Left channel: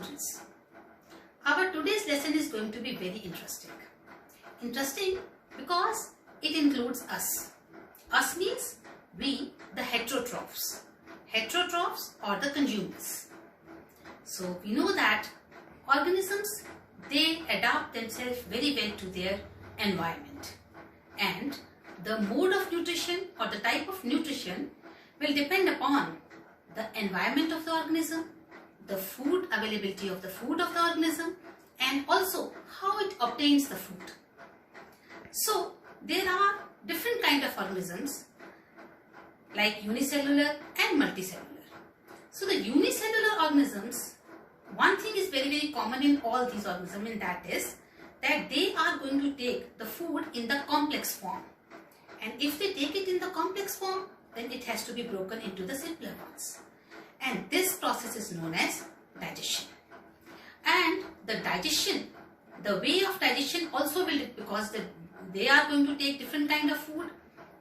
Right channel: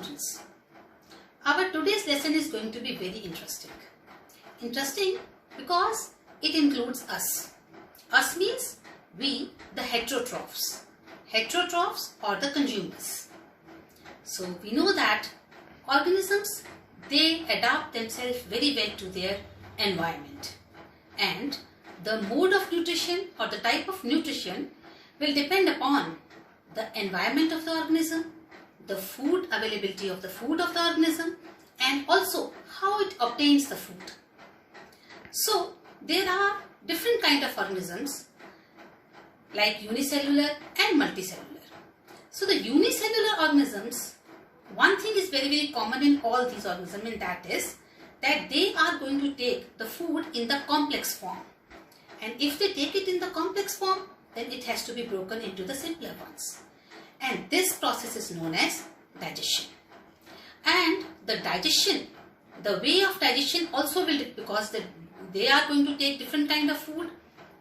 students, our today's lesson is going to be very interesting. Interesting because it includes us. Us means we, the heterotrophs. Heterotrophs or the consumers. So we know that organisms, they adapt themselves very well to their environment. And the mode of nutrition or the type of nutrition will depend upon the environment of the organism, the food availability of the food of the organism, and also how it obtains the food. So there are different kind of organisms like unicellular and multicellular. So the unicellular organisms, one thing is very common in all these organisms, and that is that they are going to take the food in the complex form. And if they take it in the complex form, then it has to be broken into the simpler ones. And this process is known as digestion. And the digestion, the way of digestion also will, because they are going to take different kind of food,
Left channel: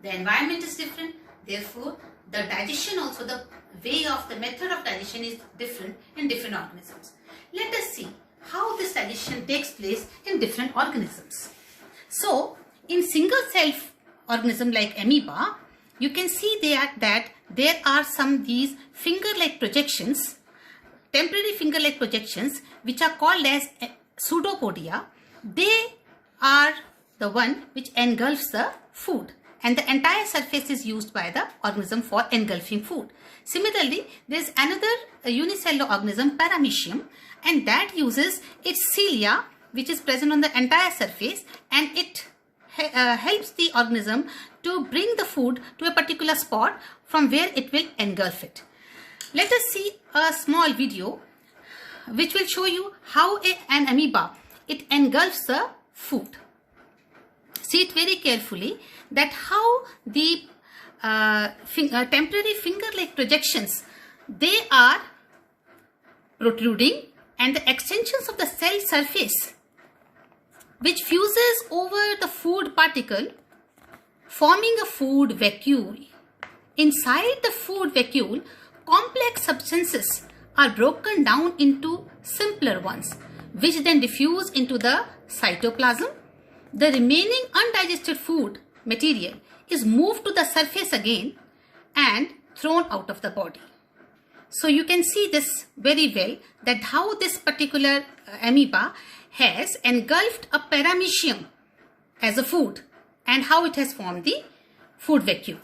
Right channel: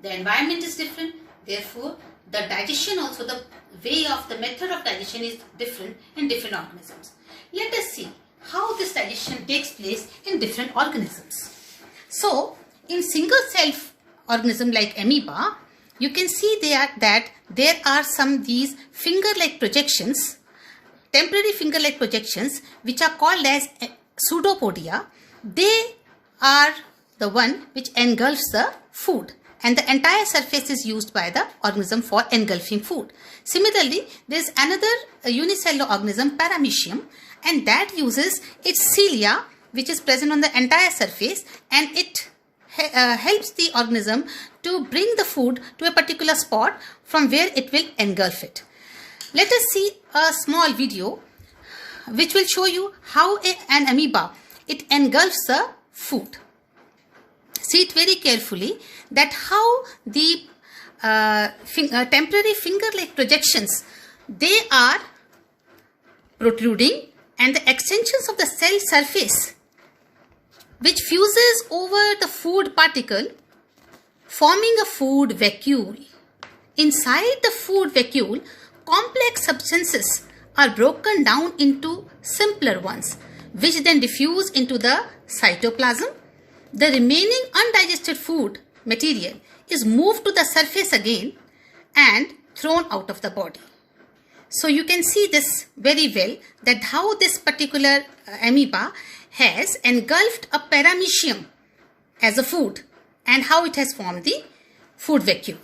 the environment is different, therefore the digestion also, the way of the method of digestion is different in different organisms. Let us see how this digestion takes place in different organisms. So in single cell organism like amoeba, you can see that there are some these finger-like projections, temporary finger-like projections, which are called as pseudopodia. They are the one which engulfs the food, and the entire surface is used by the organism for engulfing food. Similarly, there is another unicellular organism, paramecium, and that uses its cilia, which is present on the entire surface, and it helps the organism to bring the food to a particular spot from where it will engulf it. Let us see a small video which will show you how an amoeba, it engulfs the food. See it very carefully that how the temporary finger-like projections, they are protruding, and the extensions of the cell surface which fuses over the food particle, forming a food vacuole. Inside the food vacuole, complex substances are broken down into simpler ones, which then diffuse into the cytoplasm. The remaining undigested food material is moved to the surface again and thrown out of the body. So you can see this very well, that how this particular amoeba has engulfed a paramecium as a food and how it has formed the food vacuole.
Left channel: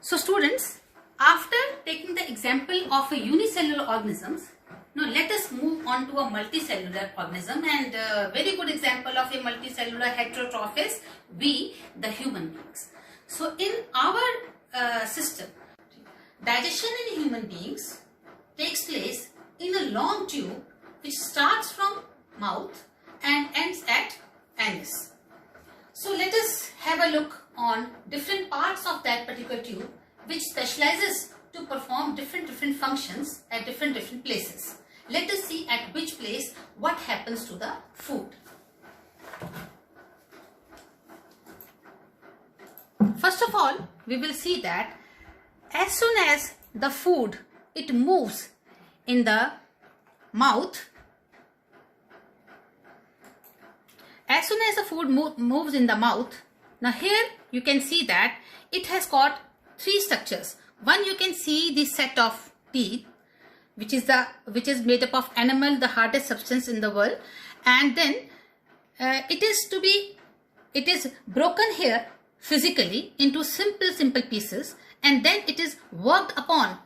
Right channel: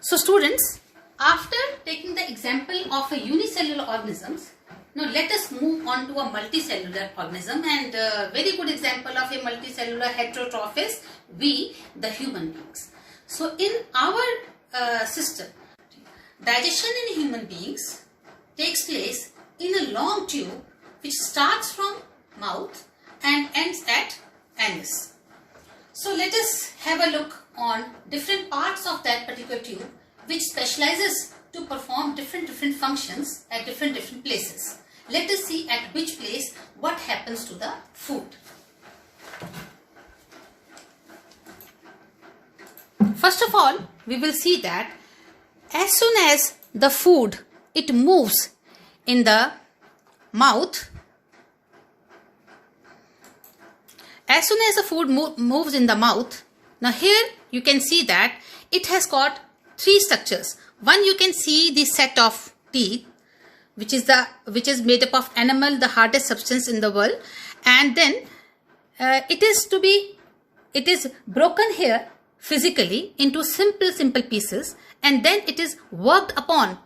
So students, after taking the example of a unicellular organisms, now let us move on to a multicellular organism, and a very good example of a multicellular heterotroph is we, the human beings. So in our system, digestion in human beings takes place in a long tube which starts from mouth and ends at anus. So let us have a look on different parts of that particular tube which specializes to perform different functions at different places. Let us see at which place what happens to the food. First of all, we will see that as soon as the food, it moves in the mouth, as soon as the food moves in the mouth, now here you can see that it has got three structures. One, you can see the set of teeth, which is made up of enamel, the hardest substance in the world, and then it is broken here physically into simple pieces, and then it is worked upon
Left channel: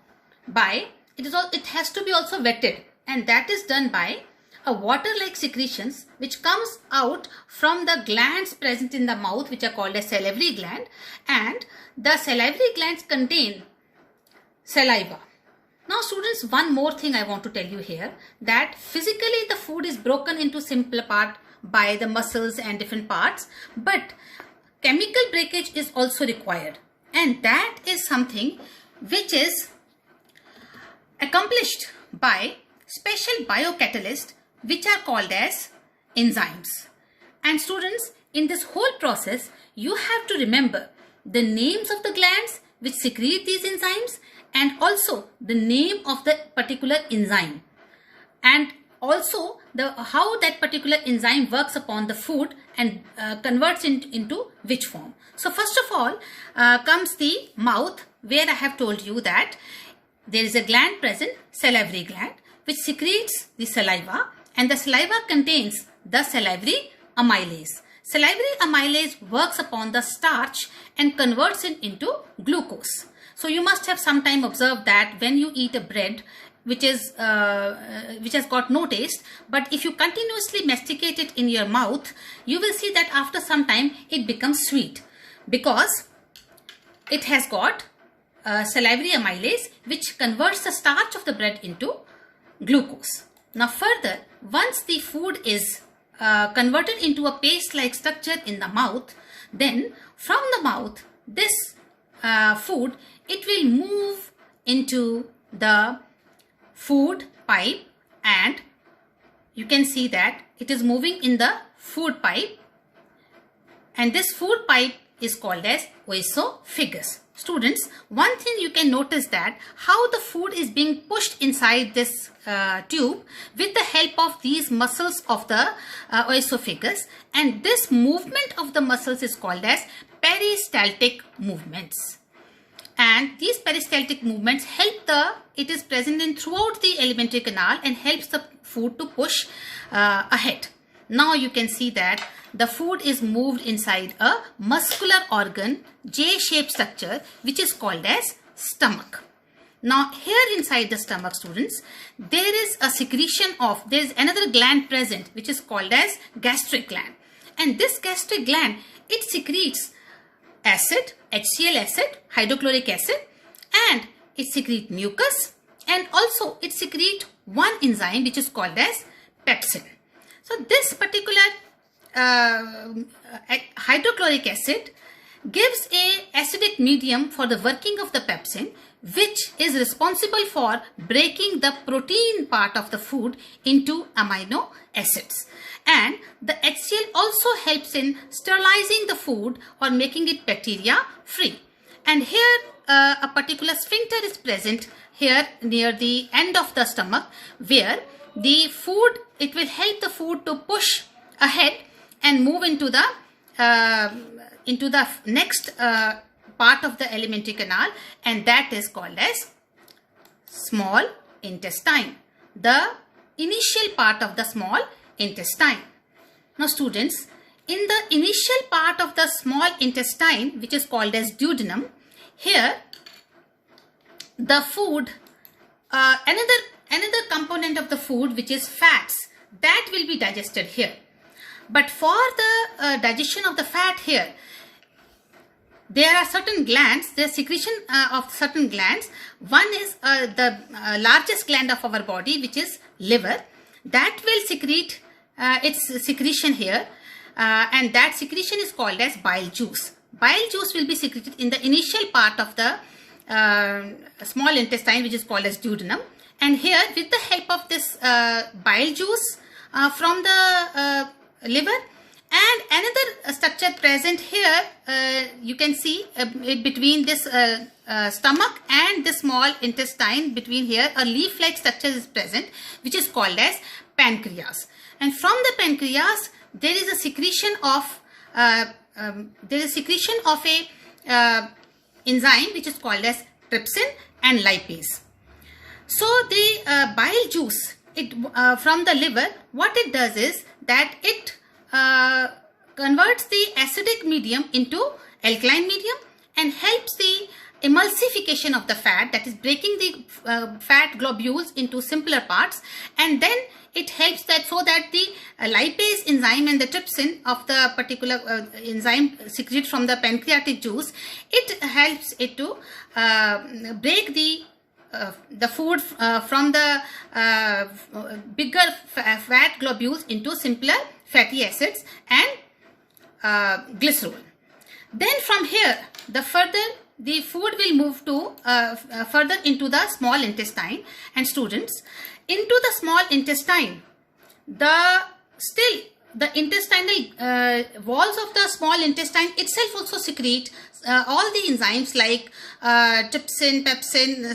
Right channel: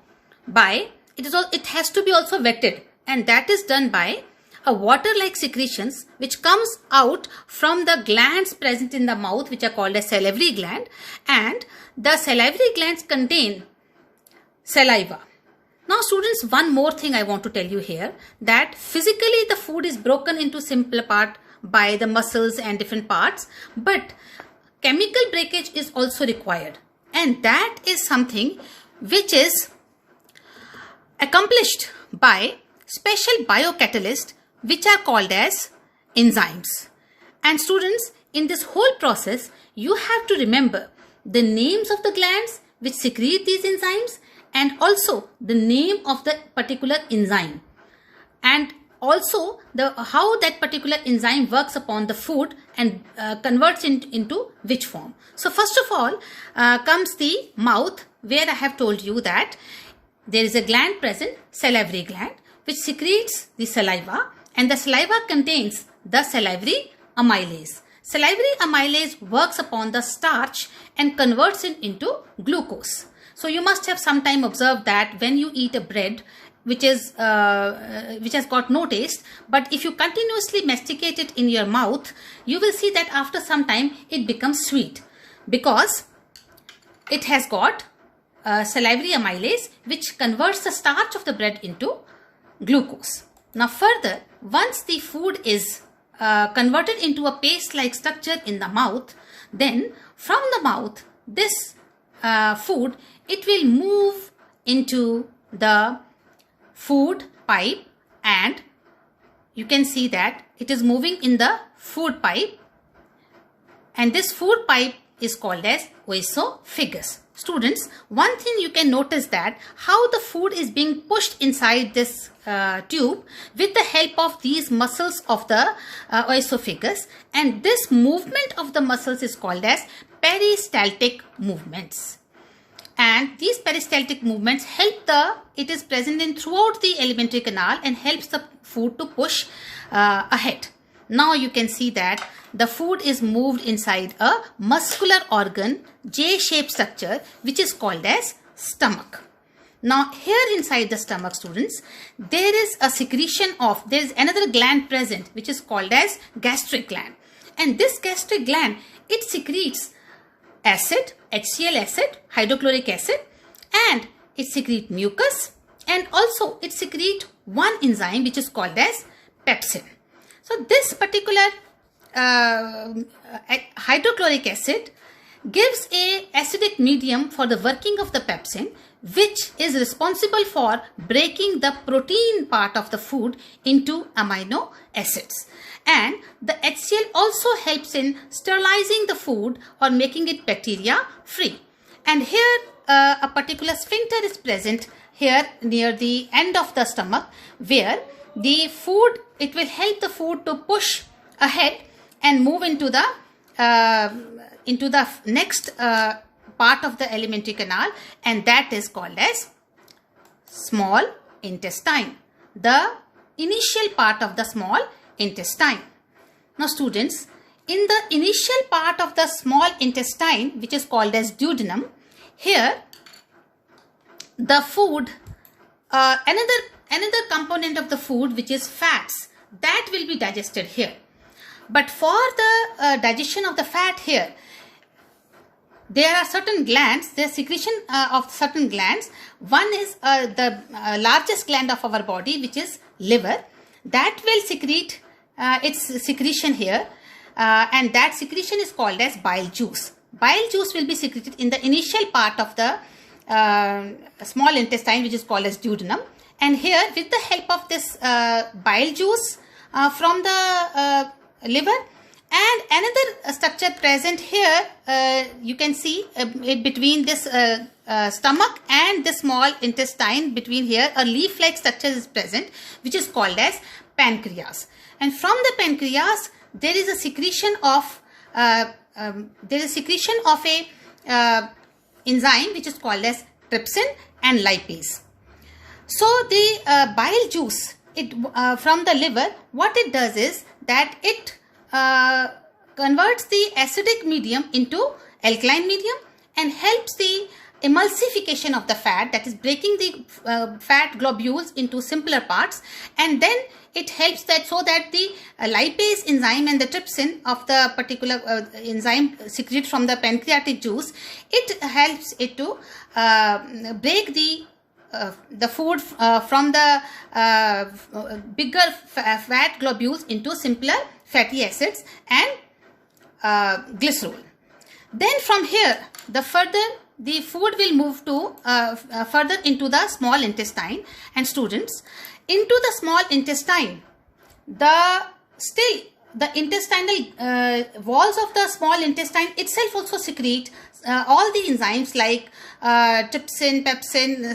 by, it has to be also wetted, and that is done by a water-like secretions which comes out from the glands present in the mouth, which are called as salivary gland, and the salivary glands contain saliva. Now students, one more thing I want to tell you here, that physically the food is broken into simpler part by the muscles and different parts, but chemical breakage is also required, and that is something which is accomplished by special biocatalysts which are called as enzymes. And students, in this whole process, you have to remember the names of the glands which secrete these enzymes and also the name of the particular enzyme. and also how that particular enzyme works upon the food and converts it into which form. So first of all comes the mouth, where I have told you that there is a gland present, salivary gland, which secretes the saliva, and the saliva contains the salivary amylase. Salivary amylase works upon the starch and converts it into glucose. So you must have sometime observed that when you eat a bread which has got no taste, but if you continuously masticate it in your mouth, you will see that after some time it becomes sweet, because it has got salivary amylase which converts the starch of the bread into glucose. Now further, once the food is converted into a paste-like structure in the mouth, then from the mouth, this food, it will move into the food pipe, and you can see that it is moving in the food pipe, and this food pipe is called as oesophagus. Students, one thing you can notice that how the food is being pushed inside this tube with the help of these muscles of the oesophagus, and this movement of the muscles is called as peristaltic movements. And these peristaltic movements it is present in throughout the alimentary canal and helps the food to push ahead. Now you can see that the food is moved inside a muscular organ, J-shaped structure, which is called as stomach. Now here inside the stomach, students, there is another gland present which is called as gastric gland. And this gastric gland, it secretes acid, HCl acid, hydrochloric acid, and it secretes mucus, and also it secretes one enzyme which is called as pepsin. So this particular hydrochloric acid gives a acidic medium for the working of the pepsin, which is responsible for breaking the protein part of the food into amino acids. And the HCl also helps in sterilizing the food or making it bacteria free. And here a particular sphincter is present here near the end of the stomach, where the food, it will help the food to push ahead and move into the next part of the alimentary canal, and that is called as small intestine, the initial part of the small intestine. Now students, in the initial part of the small intestine, which is called as duodenum, here the food, another component of the food, which is fats, that will be digested here. But for the digestion of the fat here, there are certain glands, there is secretion of certain glands. One is the largest gland of our body, which is liver, that will secrete its secretion here, and that secretion is called as bile juice. Bile juice will be secreted in the initial part of the small intestine, which is called as duodenum. And here, with the help of this bile juice from the liver, and another structure present here, you can see it between this stomach and the small intestine, between here a leaf-like structure is present, which is called as pancreas. And from the pancreas, there is a secretion of a enzyme which is called as trypsin and lipase. So the bile juice from the liver, what it does is that it converts the acidic medium into alkaline medium and helps the emulsification of the fat, that is breaking the fat globules into simpler parts, and then it helps that so that the lipase enzyme and the trypsin of the particular enzyme secreted from the pancreatic juice, it helps it to break the food from the bigger fat globules into simpler fatty acids and glycerol. Then from here, the food will move to further into the small intestine. And students, into the small intestine, still the intestinal walls of the small intestine itself also secrete all the enzymes like trypsin, pepsin,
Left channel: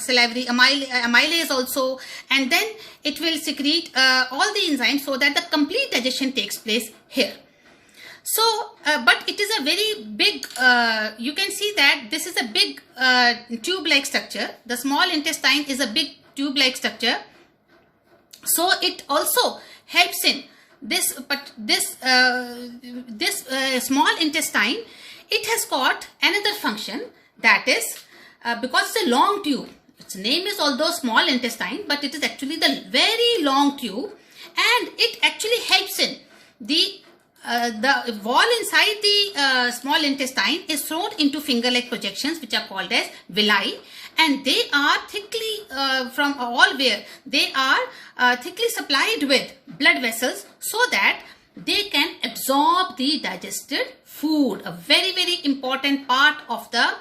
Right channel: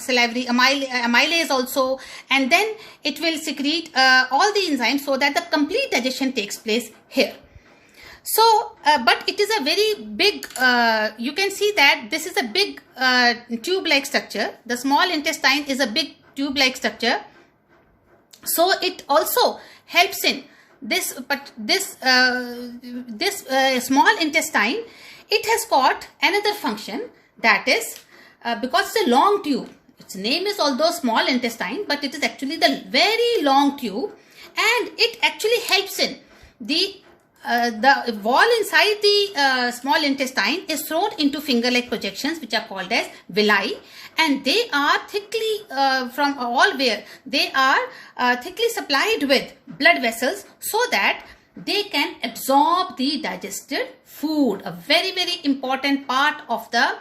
salivary amylase also, and then it will secrete all the enzymes so that the complete digestion takes place here. So, but it is a very big, you can see that this is a big tube-like structure. The small intestine is a big tube-like structure. So, it also helps in this, but this small intestine, it has got another function, that is because it's a long tube. Its name is although small intestine, but it is actually the very long tube, and it actually helps in the wall inside the small intestine is thrown into finger-like projections, which are called as villi, and they are thickly from all where they are thickly supplied with blood vessels so that they can absorb the digested food. A very, very important part of the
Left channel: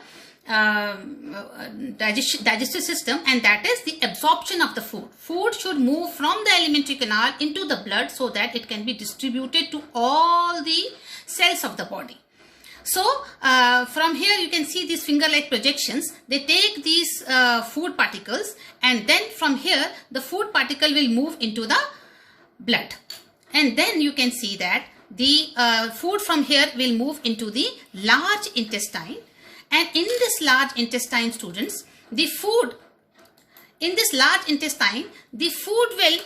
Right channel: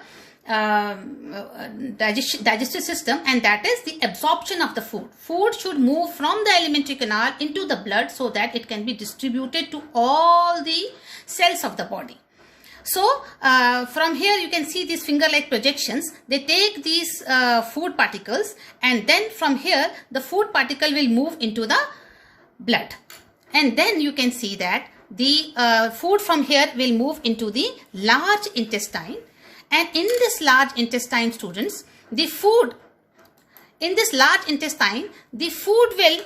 digestive system, and that is the absorption of the food. Food should move from the alimentary canal into the blood so that it can be distributed to all the cells of the body. So from here you can see these finger-like projections. They take these food particles, and then from here the food particle will move into the blood, and then you can see that the food from here will move into the large intestine. And in this large intestine, students, the food in this large intestine, the food will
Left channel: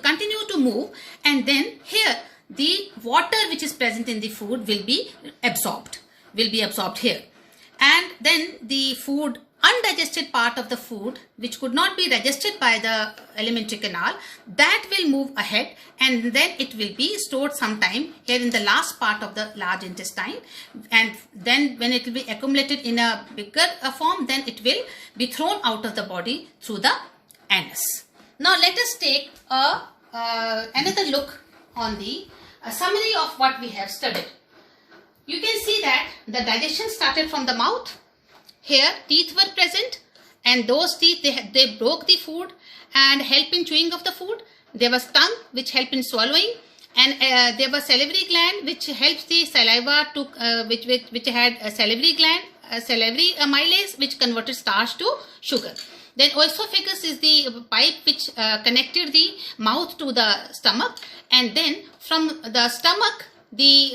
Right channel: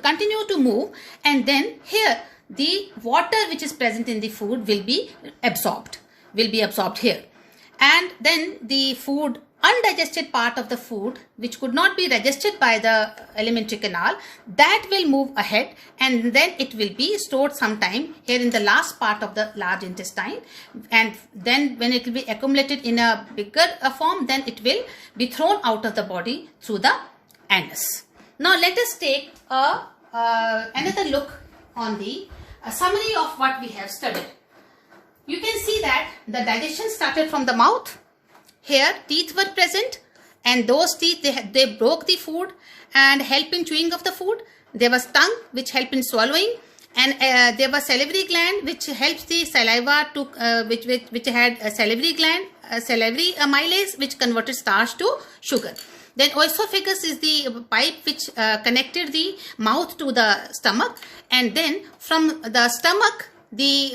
continue to move, and then here the water which is present in the food will be absorbed here, and then the food, undigested part of the food which could not be digested by the alimentary canal, that will move ahead, and then it will be stored sometime here in the last part of the large intestine, and then when it will be accumulated in a bigger form, then it will be thrown out of the body through the anus. Now let us take another look on the summary of what we have studied. You can see that the digestion started from the mouth. Here teeth were present, and those teeth they broke the food and help in chewing of the food. There was tongue which helped in swallowing, and there was salivary gland which helps the saliva to which had a salivary gland, salivary amylase which converted starch to sugar. Then oesophagus is the pipe which connected the mouth to the stomach, and then from the stomach, the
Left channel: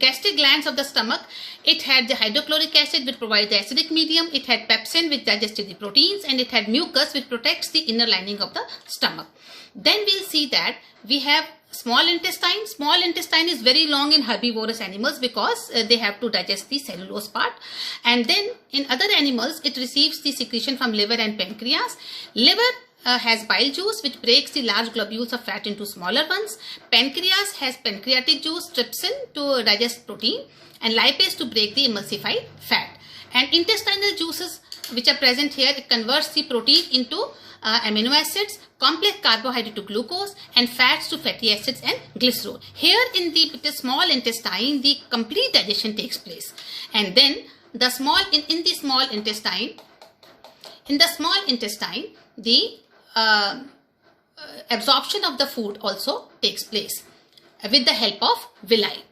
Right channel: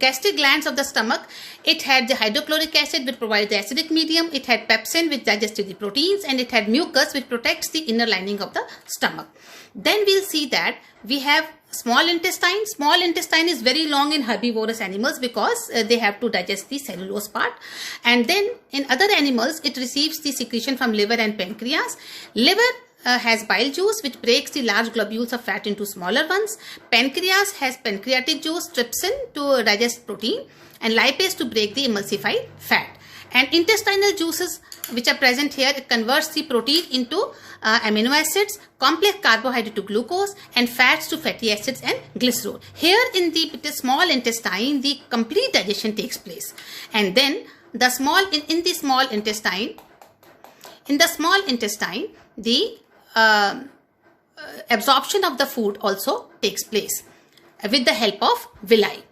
gastric glands of the stomach, it had the hydrochloric acid which provides the acidic medium, it had pepsin which digested the proteins, and it had mucus which protects the inner lining of the stomach. Then we'll see that we have small intestine. Small intestine is very long in herbivorous animals because they have to digest the cellulose part, and then in other animals it receives the secretion from liver and pancreas. Liver has bile juice which breaks the large globules of fat into smaller ones. Pancreas has pancreatic juice, trypsin to digest protein, and lipase to break the emulsified fat. And intestinal juices which are present here, it converts the protein into amino acids, complex carbohydrate to glucose, and fats to fatty acids and glycerol. Here in the small intestine, the complete digestion takes place. And then the in the small intestine, the absorption of the food also takes place with the help of villi,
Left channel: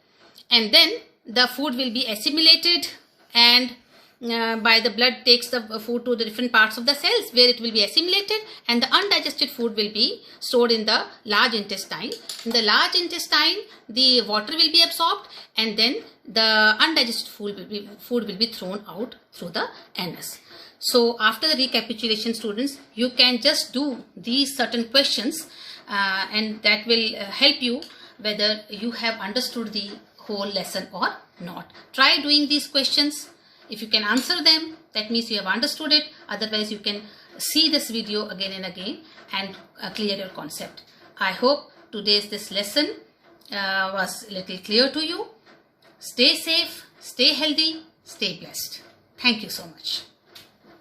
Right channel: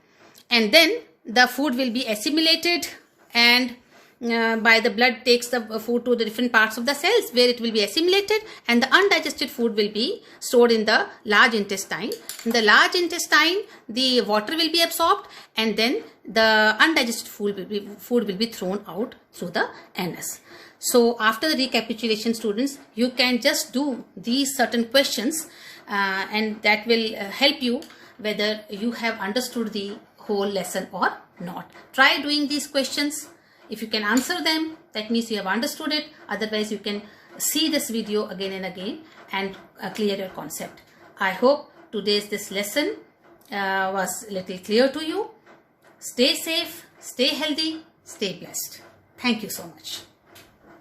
and then the food will be assimilated, and by the blood takes the food to the different parts of the cells where it will be assimilated, and the undigested food will be stored in the large intestine. In the large intestine, the water will be absorbed, and then the undigested food will be thrown out through the anus. So after the recapitulation, students, you can just do these certain questions and that will help you whether you have understood the whole lesson or not. Try doing these questions. If you can answer them, that means you have understood it. Otherwise, you can see this video again and again and clear your concept. I hope this lesson was a little clear to you. Stay safe, stay healthy, stay blessed. Thank you so much.